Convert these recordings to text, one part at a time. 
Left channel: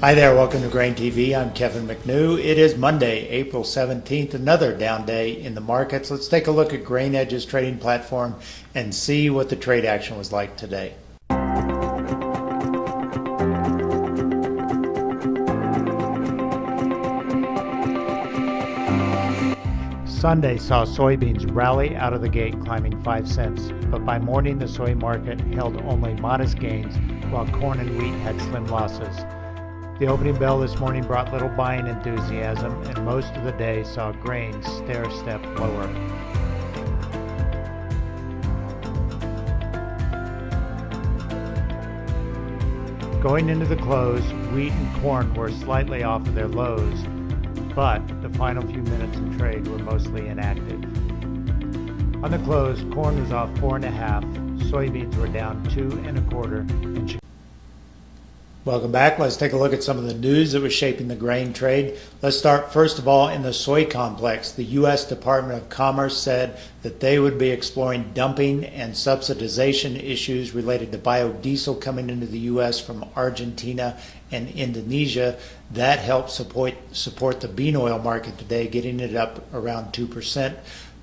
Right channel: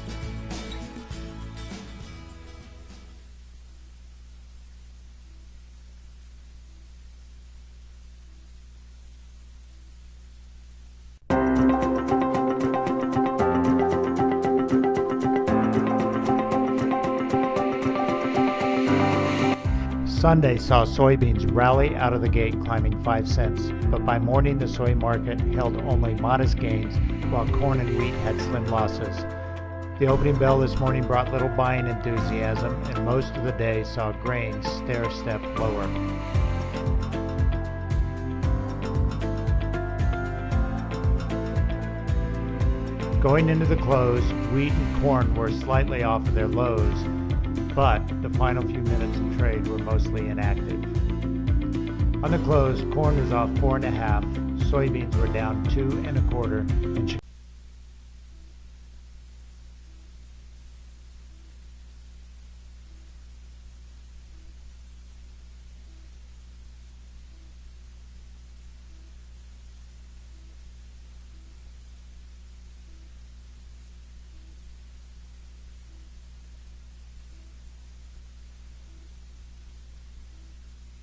Hi there, welcome to Grain TV. I'm Kevin McNew. It is Monday, April 17th, another down day in the markets. Let's take a look at GrainEdge's trading platform and see what the trade action was like today. Sunday saw soybeans rally out of the gate, climbing 5 cents, but by morning the soy market held only modest gains while corn and wheat had slim losses. The opening bell this morning brought little buying enthusiasm, and most of the day saw grains stair-step lower. Going into the close, wheat and corn were slightly off of their lows, but the final few minutes in trade were mostly inactive. On the close, corn was off 4.5, soybeans were down 2.25, and welcome back. Let's take a look at some of the news that was shaping the grain trade. Let's start first of all in the soy complex. The U.S. Department of Commerce said that they would be exploring dumping and subsidization issues related to biodiesel coming into the U.S. from Argentina and Indonesia. That helped support the bean oil market today, getting it up around 2%.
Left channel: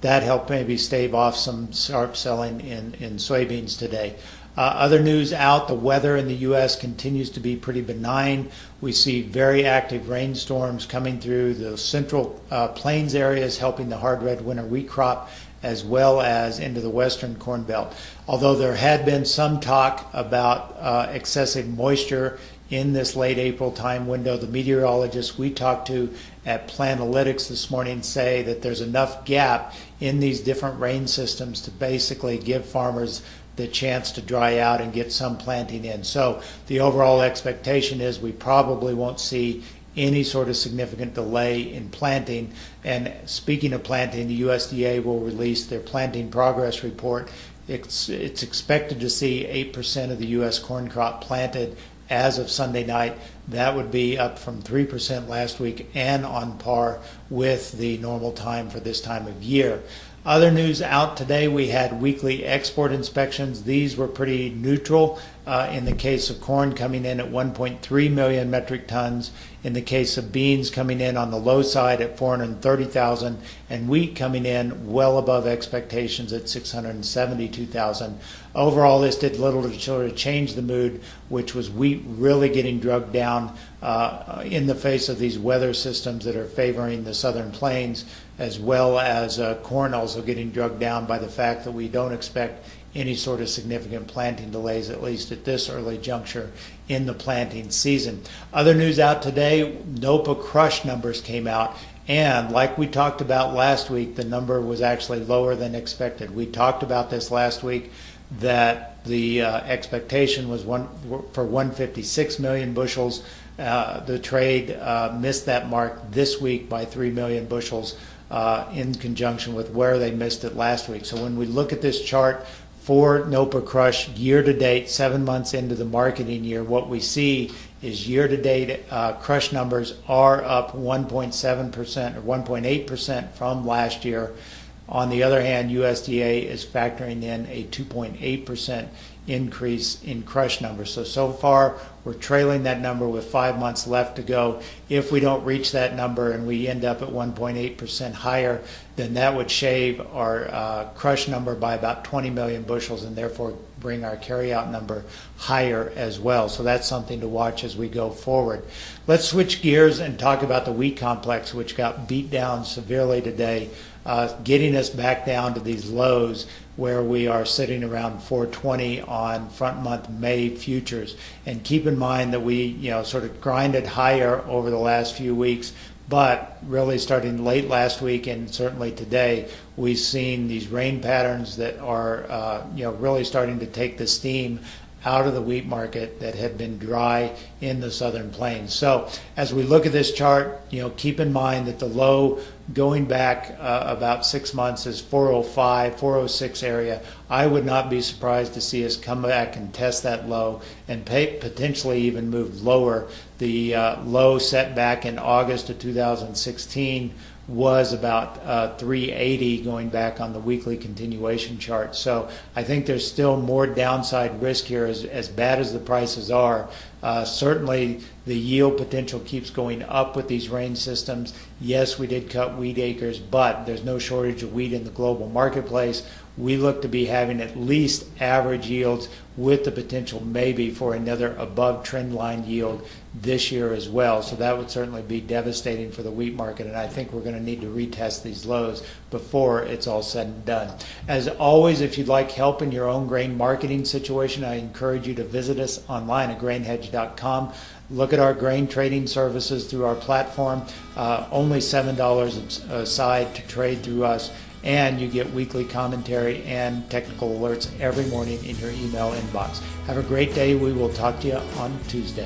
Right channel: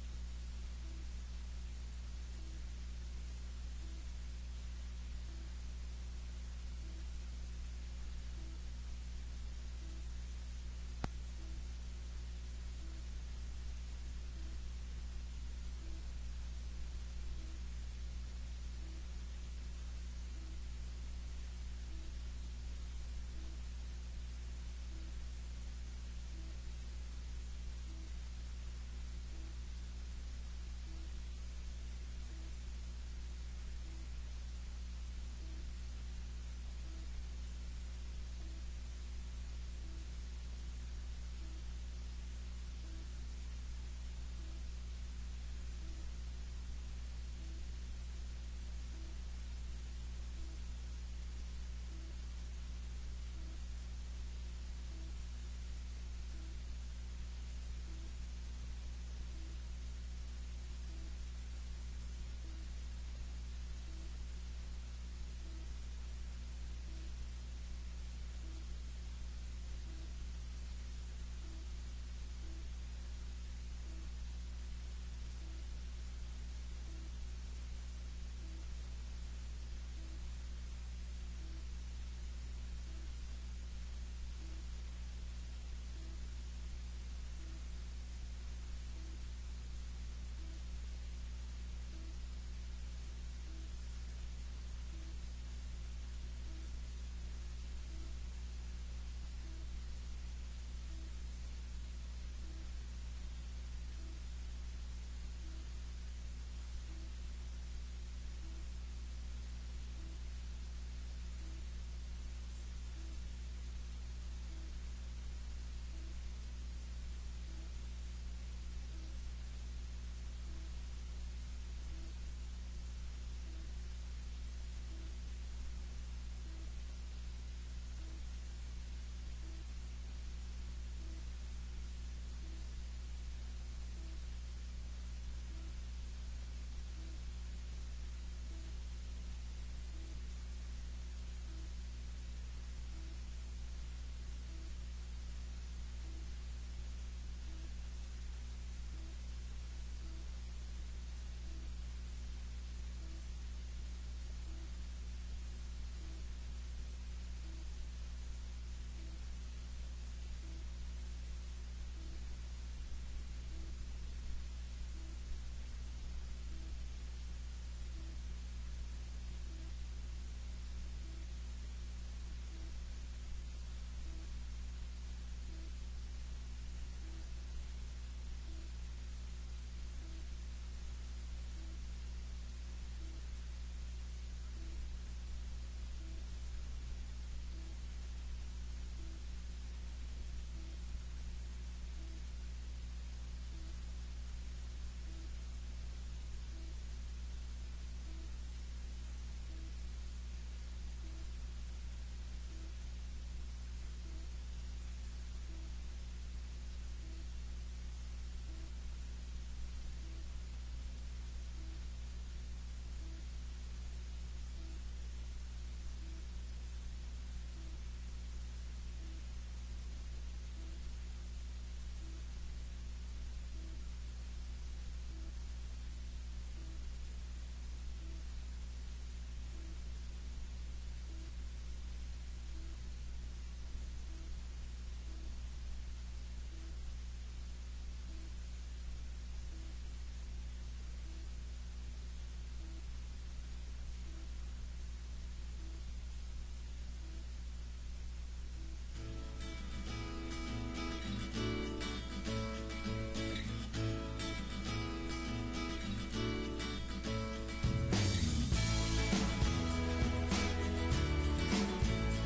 That helped maybe stave off some sharp selling in soybeans today. Other news out, the weather in the U.S. continues to be pretty benign. We see very active rainstorms coming through the central plains areas, helping the hard red winter wheat crop, as well as into the western corn belt. Although there had been some talk about excessive moisture in this late April time window, the meteorologists we talked to at Planalytics this morning say that there's enough gap in these different rain systems to basically give farmers the chance to dry out and get some planting in. So the overall expectation is we probably won't see any sort of significant delay in planting. And speaking of planting, the USDA will release their planting progress report. It's expected to see 8% of the U.S. corn crop planted as of Sunday night. That would be up from 3% last week and on par with the normal time for this time of year. Other news out today, we had weekly export inspections. These were pretty neutral. In the case of corn, coming in at 1.3 million metric tons. In the case of beans, coming in on the low side at 430,000, and wheat coming in well above expectations at 672,000. Overall, this did little to sort of change the mood, which was wheat really getting drugged down in the face of these weather systems that are favoring the southern plains, as well as corn also getting drugged down by the fact that we don't expect any sort of significant planting delays, at least at this early juncture in the planting season. Other news out today, NOPA crush numbers came out, and like we talked about last week, the number was actually lower than expected. We talked about this last week, that the expectation was for 156 million bushels. The trade missed that mark this week by 3 million bushels in conjunction with where they missed it last week. So when we look at this chart for NOPA crush year to date, 7 months into the marketing year, what we see is year to date crush numbers are up 1.7% or 1.8% from last year. On the other hand, USDA is factoring in a 2.8% increase in crush numbers. So far, we're trailing that number with 5 months left to go. If we don't reach that number and we end up at 1.8% higher, then that would shave our crush number by about 20 million bushels and therefore bring our carryout number higher as well. So that's something to watch as we go forward. Let's switch gears and talk about the wheat complex, which got beat down severely today, getting us back down to these lows where we are sitting around 420 on front month May futures. And keep in mind that we sort of grinded higher over the last few weeks, but really starting late last week and certainly today, we've seen these rain patterns that are really starting to take the steam out of the wheat market that had been dry in the southern plains. So as we look at this chart, keep in mind that the low going back about 6 months is 405, 406 area. I would not be surprised to see us come back and test that low and potentially even move lower. The low set back in August of 2016 was about 380 going back on the weekly continuation chart. So I think there's still more downside risk here. As bad as the prices are, Certainly, the yield potential keeps going up with these rain systems. Yes, we did cut wheat acres, but there's no shortage of wheat in the global marketplace. We look to be having at least average yields with the potential maybe for another above trend line yield this year as well. So that would certainly be devastating for the wheat market, and I think we're going to need to retest these lows before it's all said and done. As always, if you'd like help in your own grain marketing situation, I encourage you to visit us online at grainhedge.com. Look at our grain trading services through our platform. Only $7 aside to trade through us, and you get weekly commentary and technical alerts every morning in your email inbox. Have a great day. We will talk to you on Tuesday.